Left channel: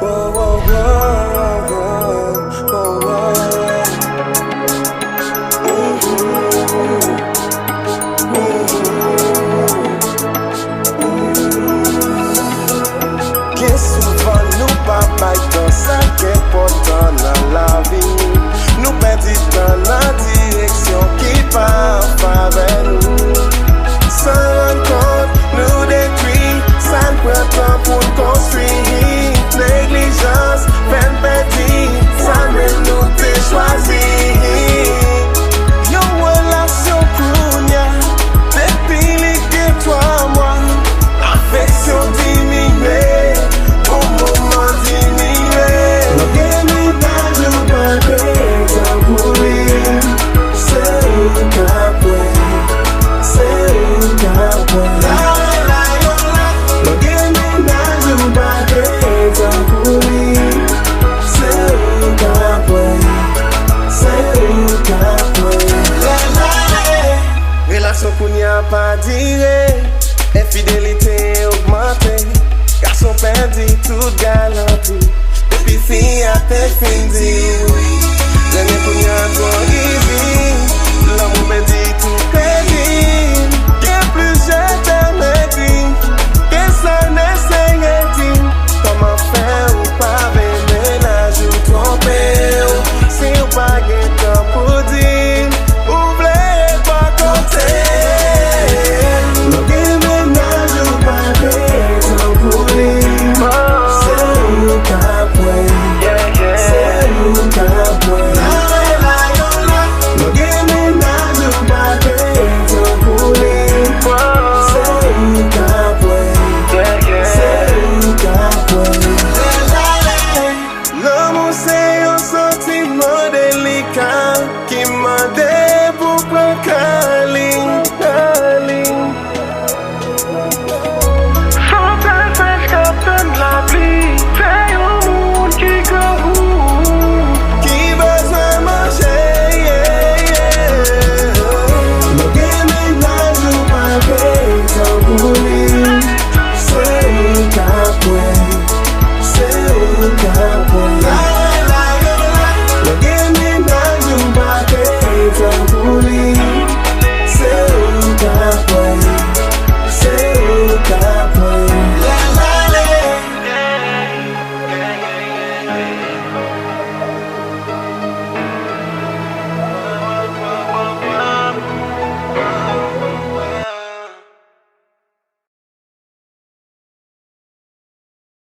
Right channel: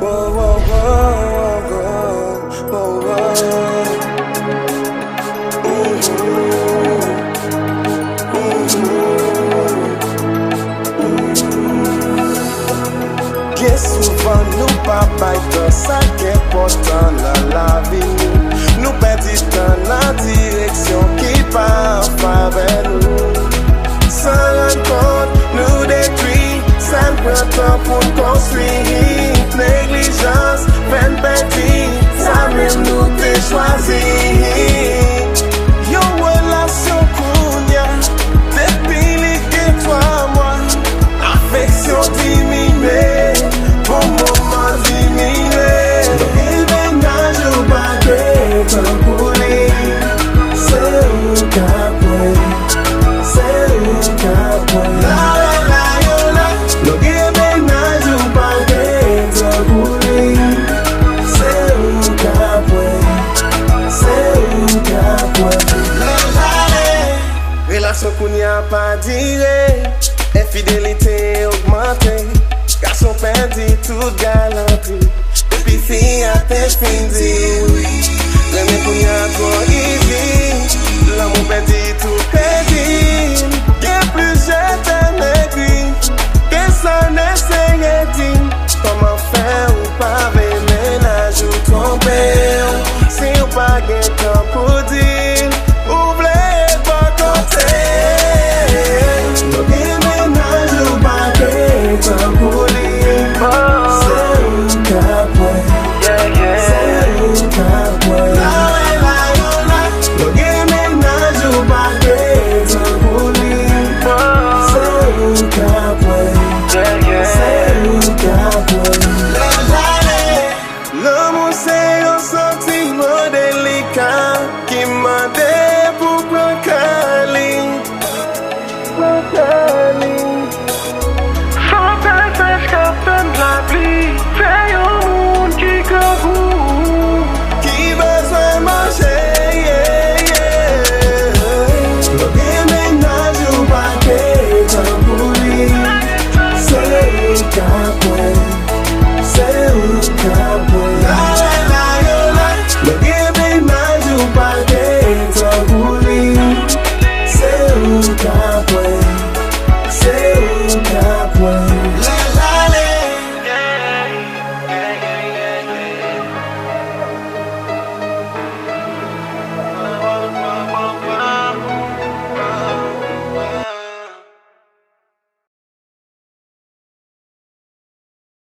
Whoa, whoa, whoa, whoa, whoa, whoa. Bien souvent nous pas bay tan sa qu'important dans la vie nous perdit tan dans direction qui pas en faveur nous. Sans rendre compte, nous détruit, ça ne prend temps pour nous construire. Négligence, peine perdue, ça même nous t'ai choisi. Yo relation kounya, depuis les toi moi, affection diminuée, bon moment diminué. Le ménage ou pas comme vous c'est où qu'après. Logue ménage ou pas que pour lui. C'est où qu'après. Relation qu'on n'y a pas diré. Infidélité augmentée. Garçon perdu toute galanterie. Depuis fille à tes fins oui. Remets qu'on y a trop easy. L'amour perdu tout crédit. Y'a plus je t'aime écrit. Que ça ne s'est dit. Comment faire ou pas ménage ou tromper. Si ou pas gain temps pour dire. Oubliez pas compter. Logue ménage ou pas gain temps pour dire. C'est où qu'après. C'est où qu'après. Logue ménage ou pas gain temps pour dire. C'est où qu'après. C'est où qu'après. L'amour c'est un sentiment délicat qui m'a dit pour prendre câlin. Sans passage capitaine la pluie, fait un monde qui goût. Qui besoin manger, yeah, yeah.